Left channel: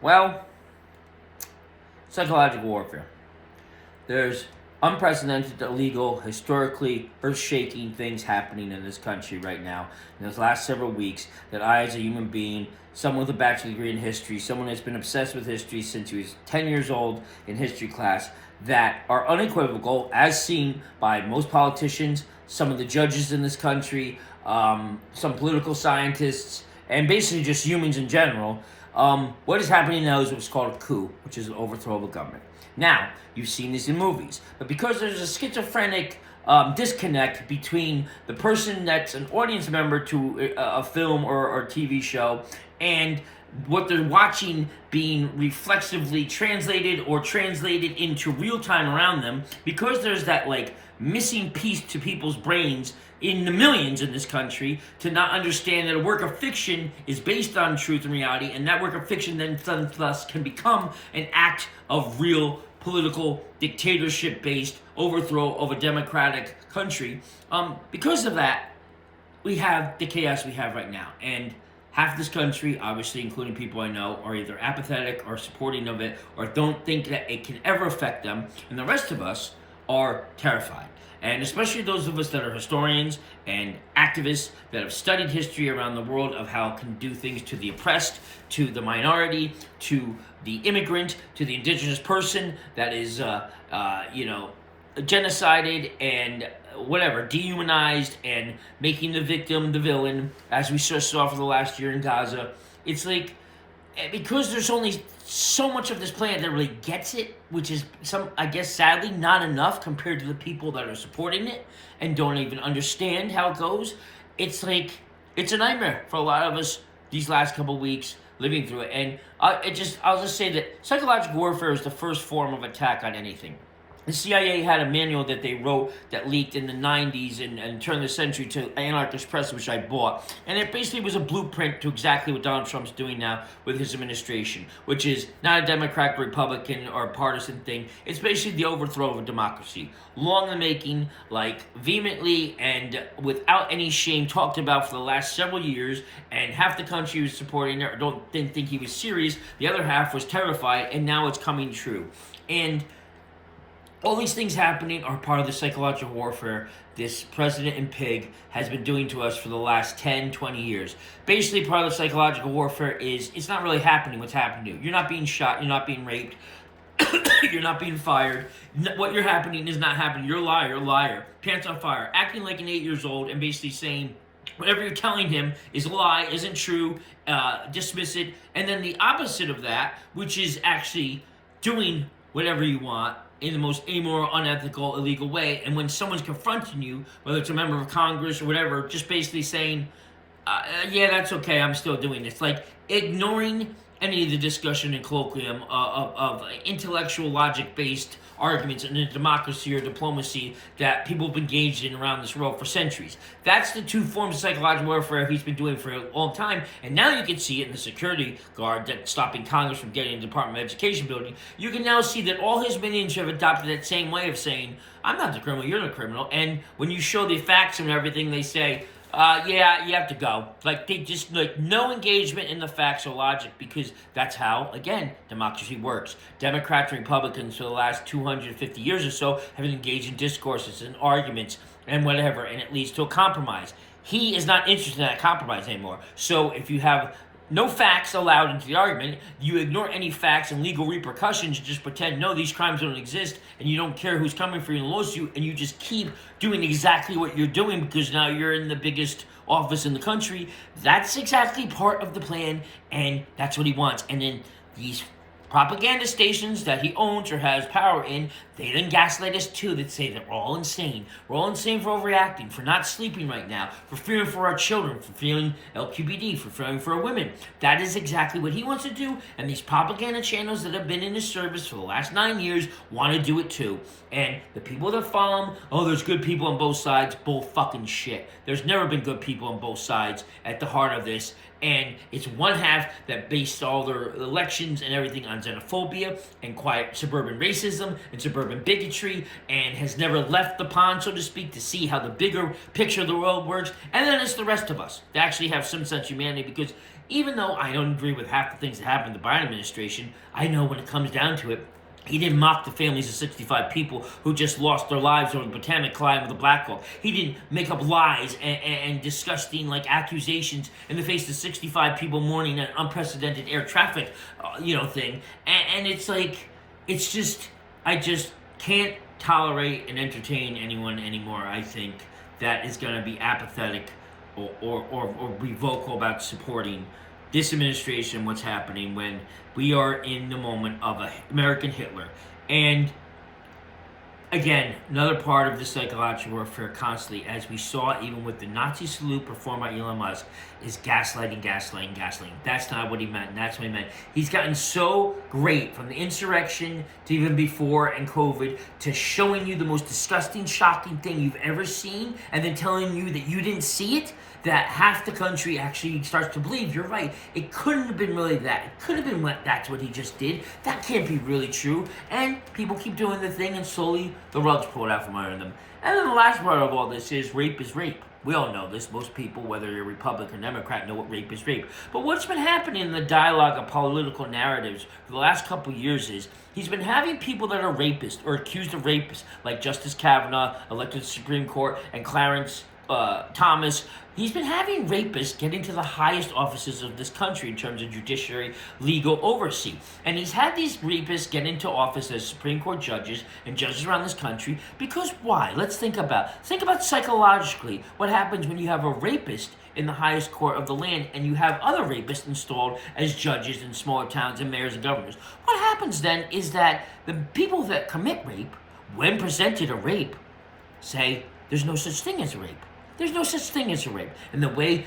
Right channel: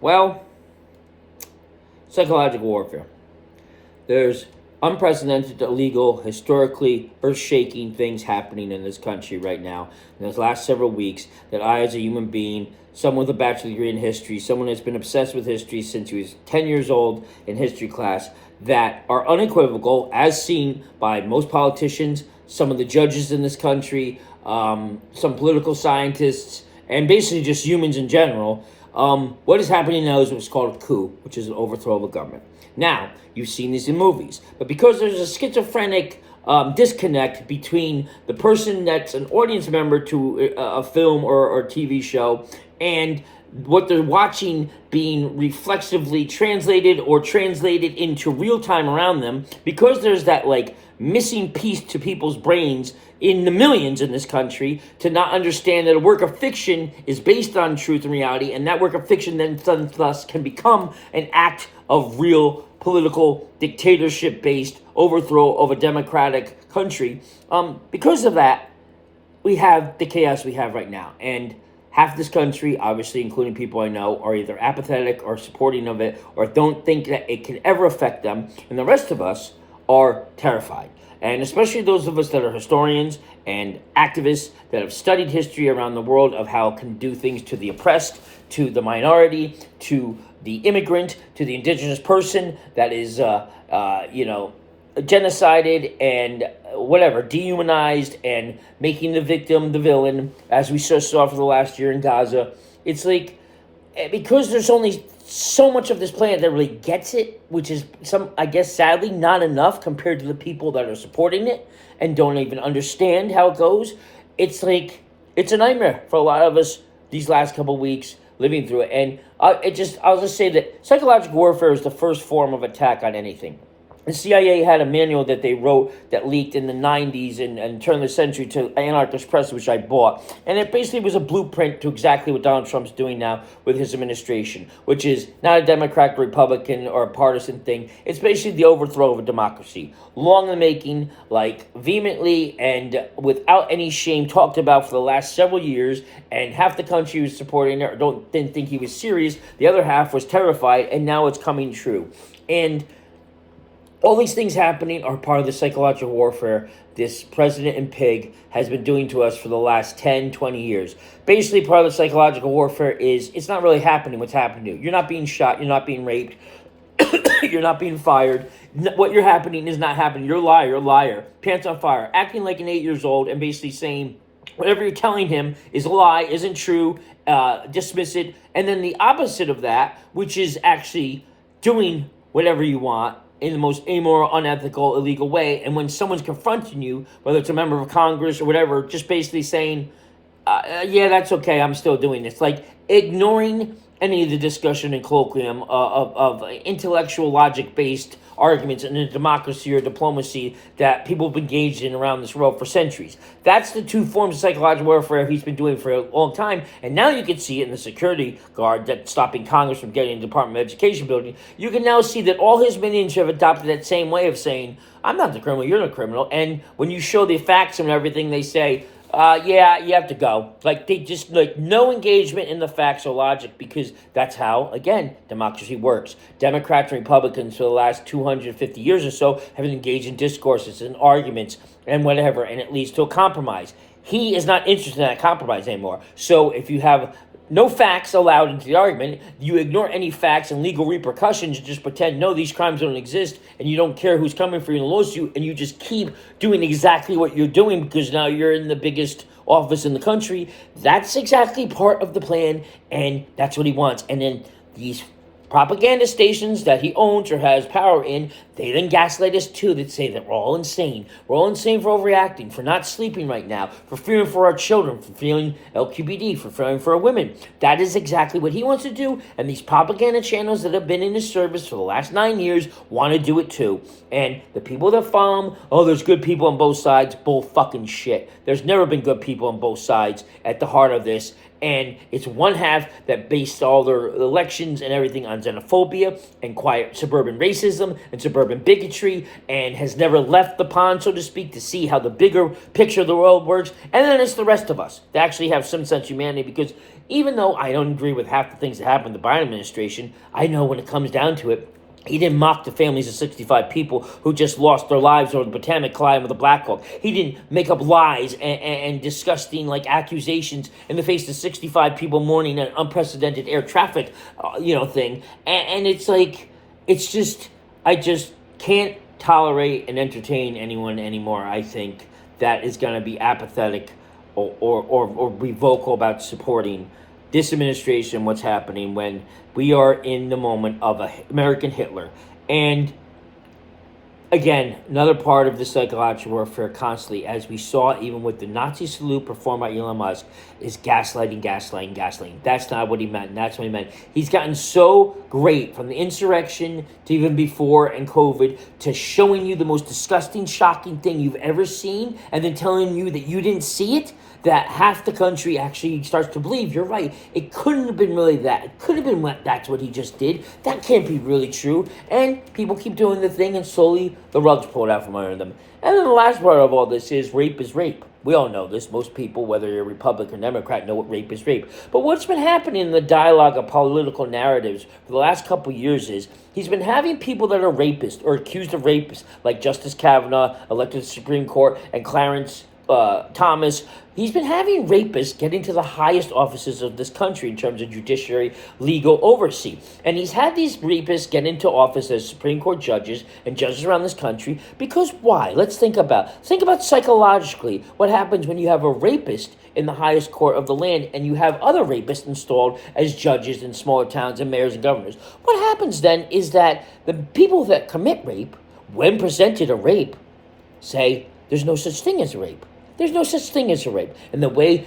Well, psychological warfare. There's unprecedented, illegal, historically earth-shaking things happening in this country right now in those last several weeks that I, as a human being, someone with a bachelor's degree in history, someone that's been obsessed with history since he was 10 years old in history class, that are unequivocal, as seen by most politicians, some of the judges in this country, some political scientists, and basically just humans in general. What is happening now is what's called a coup, which is an overthrow of a government. Now, you've seen this in movies, but because there's a schizophrenic disconnect between the person that's an audience member to a film or TV show and what they're watching being reflexively translated or translated into real time around them, because there's that missing piece to people's brains in the millions in this country to not understand that a work of fiction is based on truth and reality, and that work of fiction then thus can become an act of real political dictatorship-based overthrow of a democratic country. Because of that, we have the chaos we have right now. And half this country, obviously including people I know, are either apathetic or supporting of it or don't think that it can ever affect them. And the rest of us are terrified. And especially those of us that are historians and activists that have studied history around the world of how it can do things to the oppressed, to the minority, to the immigrant, to the indigenous person that is, genocided and whatever, dehumanized, and making the victim the villain, as we just saw for the last year in Gaza. It's like, because there's only so much of this planet that really gets it, which is I guess sadly not enough compared to the people that are supporting it and don't even understand how it goes. It's like, it's a nightmare for a lot of us these last couple of weeks living through it. And I'll just say that psychological warfare is the first form of attack on anything. The CIA had a manual that they wrote that leaked in the 90s and turn of the century to Anarchist Press, which I bought. And it basically was a blueprint to exactly what Donald Trump's doing now with his administration, which is not a Democrat, Republican, or a partisan thing. It's basically the overthrow of a democracy. Long in the making, vehemently and without any shame talked about for the last several years, and half the country was supporting it or didn't think he was serious. The other half was terrified, and now it's coming true. And all these things happening are part of the psychological warfare this president and pig has been doing to us for the last 10, 20 years. Basically, part of the psychological warfare is it's not really happening what's happened to you. You're not being shot. You're not being raped. You're not being fired. What you're happening is not happening. You're a liar. Pants on fire. Acting like an 8 years old and basically saying whatever you're telling him is a lie, isn't true, dismiss it. And then the opposite of that, which is actually doing whatever you want in the most amoral, unethical, illegal way. And when someone's confronting you, whether it's a member of Congress or whatever, just basically saying, yeah, that's okay, I'm still doing this. Like ignoring any of the discussion and colloquium of intellectual logic-based arguments in a democracy or diplomacy that people have engaged in around this world for centuries. That's the two forms of psychological warfare he's been doing for a long time. And now you can see it in the security guard that's stopping Congress from getting the Department of Education building. You can now see that all his minions have adopted that same way of saying, I'm not the criminal, you're the criminal. And when you show the facts and everything, they say, yeah, you have to go. They just, no engagement in the facts or logic, because that's how, again, democracy works. Democrats and Republicans for the last 250 years or so have engaged in discourses and arguments and whatever, and it leads to a compromise. He is not interested in that compromise anymore. So if you have no facts allowed into the argument, you ignore any facts and legal repercussions, you just pretend, no, these crimes don't exist, and you don't care who's coming for you in a lawsuit, and you just keep doing exactly what you're doing because now you're in the biggest office in the country. That's exactly part of the plan, and that's what he wants. And then these propaganda stations that he owns or has power in, they then gaslight us too, that say that we're all insane. We're all insane for overreacting, for not sleeping right now, for fearing for our children, for feeling LQBD, for fearing for our women. That is exactly what he wants to do, and these propaganda channels that have been in his service for the last 9 years want to do it too. And the people that follow him, oh, there's good people on both sides, bull fucking shit. There's never been good people on both sides at the heart of this. And it's one half that based all their elections and everything on xenophobia and quiet suburban racism and suburban bigotry, and has never left the pond, so to speak, to see how the bigger picture of the world works. And then it's the rest of us that actually have some sense of humanity, because even though I don't agree with half the things that happened in the Biden administration, I know when it comes down to it, he didn't mock the families of 65 people who just lost their lives over the Potomac colliding with a Black Hawk. He didn't make up lies and disgusting accusations in the face of 65 people mourning an unprecedented air traffic, thing. And it's like, it's just, I just can't tolerate and entertain anyone anymore. I think that is going to be apathetic or be vocal about supporting this administration, what's happening when we are in the moment of an American Hitler. And again, another part of the psychological warfare constantly, as we saw even with the Nazi salute performed by Elon Musk, is gaslighting. That's not what he meant. That's what he meant. He's gotten so great from the insurrection to even before and COVID to showing you the most disgusting, shocking thing you've ever seen and then telling you that you didn't see it, that half the country actually starts to believe you're right. It couldn't have been really that. It could have been that's what he just did. That can't be really true. And people keep doing the thing and slowly the rug's pulled out from under them. And then the last part of all this is rape is rape. We all know this. Most people, whether you're Republican or Democrat, know what rape is rape. But what's been happening in the dialogue of political narratives for the last couple of years is he's been having people that are rapists or accused of rapists, like Justice Kavanaugh, elected to the Supreme Court, and Clarence Thomas. He's been having rapists get into the highest offices of this country in terms of judiciary, legal oversight. And he's had these rapists get into office as Supreme Court judges and judges around this country because why? Let's think about psychologically what happens when you have a rapist in the highest court of the land and you have other rapists installed as judges in smaller towns and mayors and governors. What happens then is that the people that commit rape, when presented a rape, say there's no such thing as a rape. There's no such thing as a rape. And the way,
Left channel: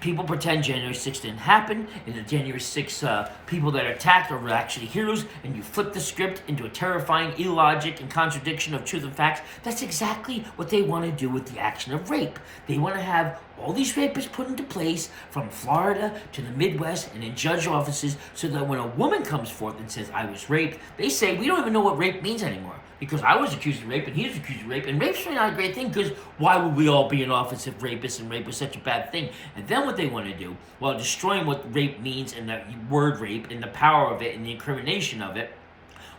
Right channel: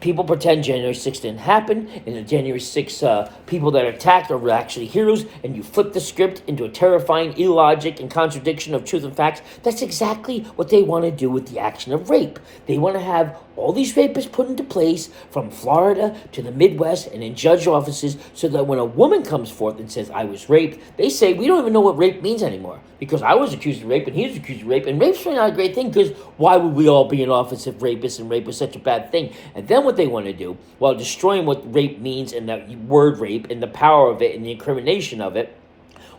people pretend January 6th didn't happen, and the January 6th people that are attacked are actually heroes, and you flip the script into a terrifying illogic and contradiction of truth and facts. That's exactly what they want to do with the action of rape. They want to have all these rapists put into place from Florida to the Midwest and in judge offices so that when a woman comes forth and says, I was raped, they say, we don't even know what rape means anymore because I was accused of rape and he was accused of rape. And rape's really not a great thing because why would we all be in office if rapists and rape was such a bad thing? And then what they want to do, while destroying what rape means and that word rape and the power of it and the incrimination of it,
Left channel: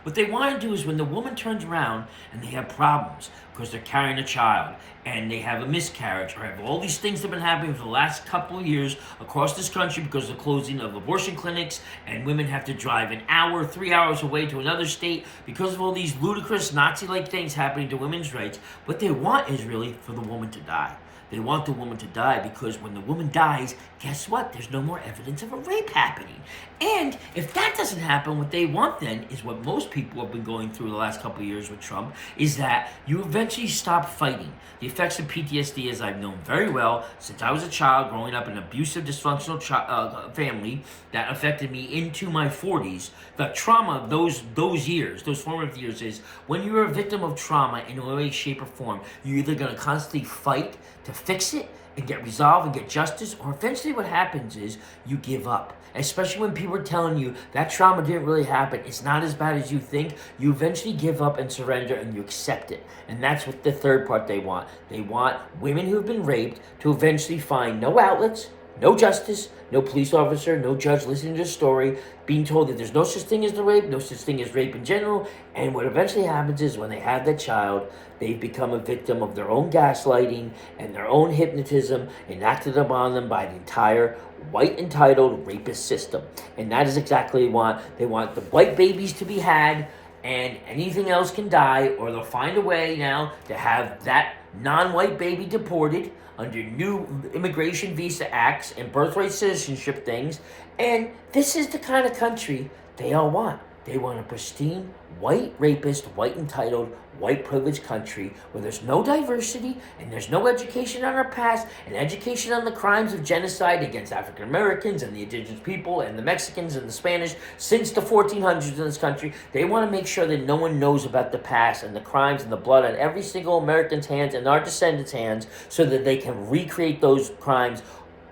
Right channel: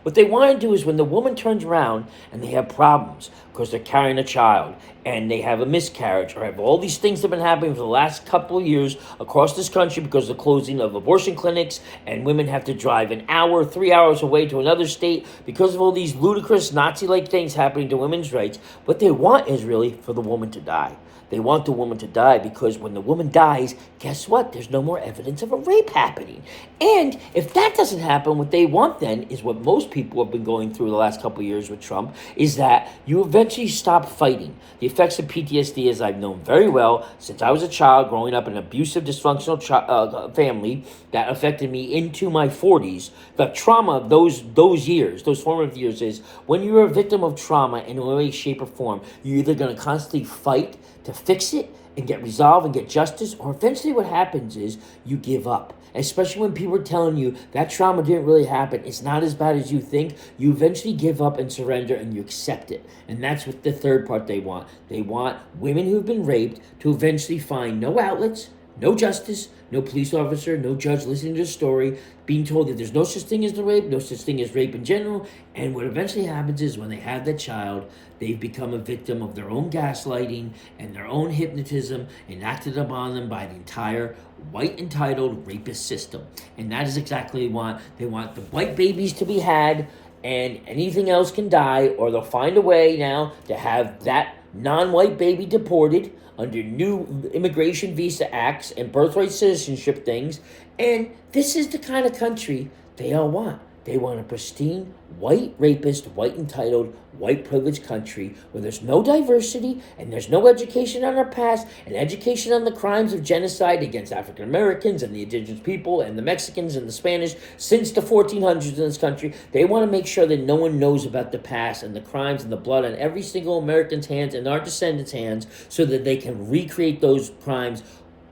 what they want to do is when the woman turns around and they have problems because they're carrying a child and they have a miscarriage or have all these things that have been happening for the last couple of years across this country because of the closing of abortion clinics and women have to drive an hour, 3 hours away to another state because of all these ludicrous Nazi-like things happening to women's rights, what they want is really for the woman to die. They want the woman to die because when the woman dies, guess what? There's no more evidence of a rape happening. And if that doesn't happen, what they want then is what most people have been going through the last couple of years with Trump, is that you eventually stop fighting. The effects of PTSD, as I've known very well since I was a child growing up in an abusive, dysfunctional family that affected me into my 40s, the trauma of those years, those formative years is when you're a victim of trauma in a way, shape, or form, you're either going to constantly fight to fix it and get resolved and get justice, or eventually what happens is you give up. Especially when people are telling you that trauma didn't really happen, it's not as bad as you think, you eventually give up and surrender and you accept it. And that's what the third part they want. They want women who have been raped to eventually find no outlets, no justice, no police officer, no judge listening to the story, being told that there's no such thing as the rape, no such thing as rape in general. And what eventually happens is when they have that child, they've become a victim of their own gaslighting and their own hypnotism enacted upon them by the entire white entitled rapist system. And that is exactly what they want. They want the white babies to be had and anything else can die, or they'll find a way now to have that non-white baby deported under new immigration visa acts and birthright citizenship things. And this is the kind of country they all want. They want a pristine, white rapist, white entitled, white privileged country where there's no diversity and there's no education on our past and education on the crimes of genocide against African Americans and the indigenous people and the Mexicans and the Spanish since the 1400s in this country. They want to make sure that no one knows about the past and the crimes and the blood on every single American's hands and our descendants' hands so that they can recreate those crimes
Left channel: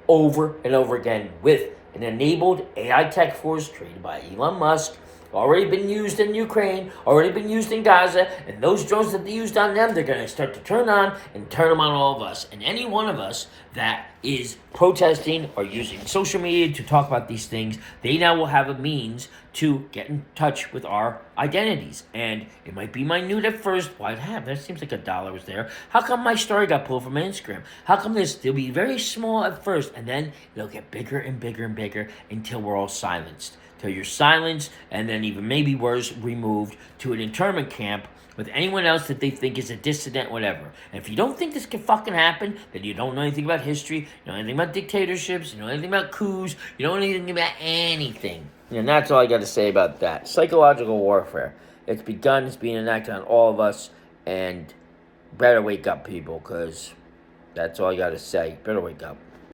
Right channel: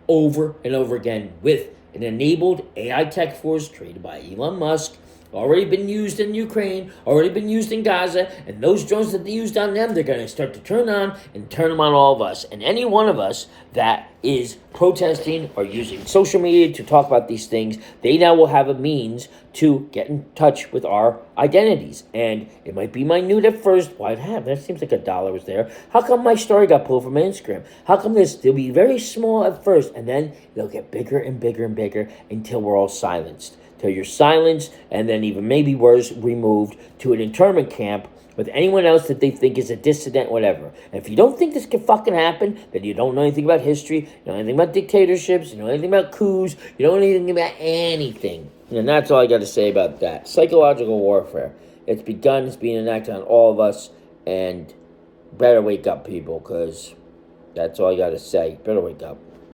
over and over again with an enabled AI tech force created by Elon Musk already been used in Ukraine, already been used in Gaza, and those drones that they used on them, they're going to start to turn on and turn them on all of us. And any one of us that is protesting or using social media to talk about these things, they now will have a means to get in touch with our identities. And it might be minute at first. Why have? That seems like $1 was there. How come my story got pulled from Instagram? How come this? They'll be very small at first, and then it'll get bigger and bigger and bigger until we're all silenced. Till you're silenced, and then even maybe worse, removed to an internment camp with anyone else that they think is a dissident, whatever. And if you don't think this can fucking happen, then you don't know anything about history, you don't know anything about dictatorships, you don't know anything about coups, you don't know anything about anything. And that's all I got to say about that. Psychological warfare. It's begun, it's being enacted on all of us, and better wake up, people, because that's all I got to say. Better wake up.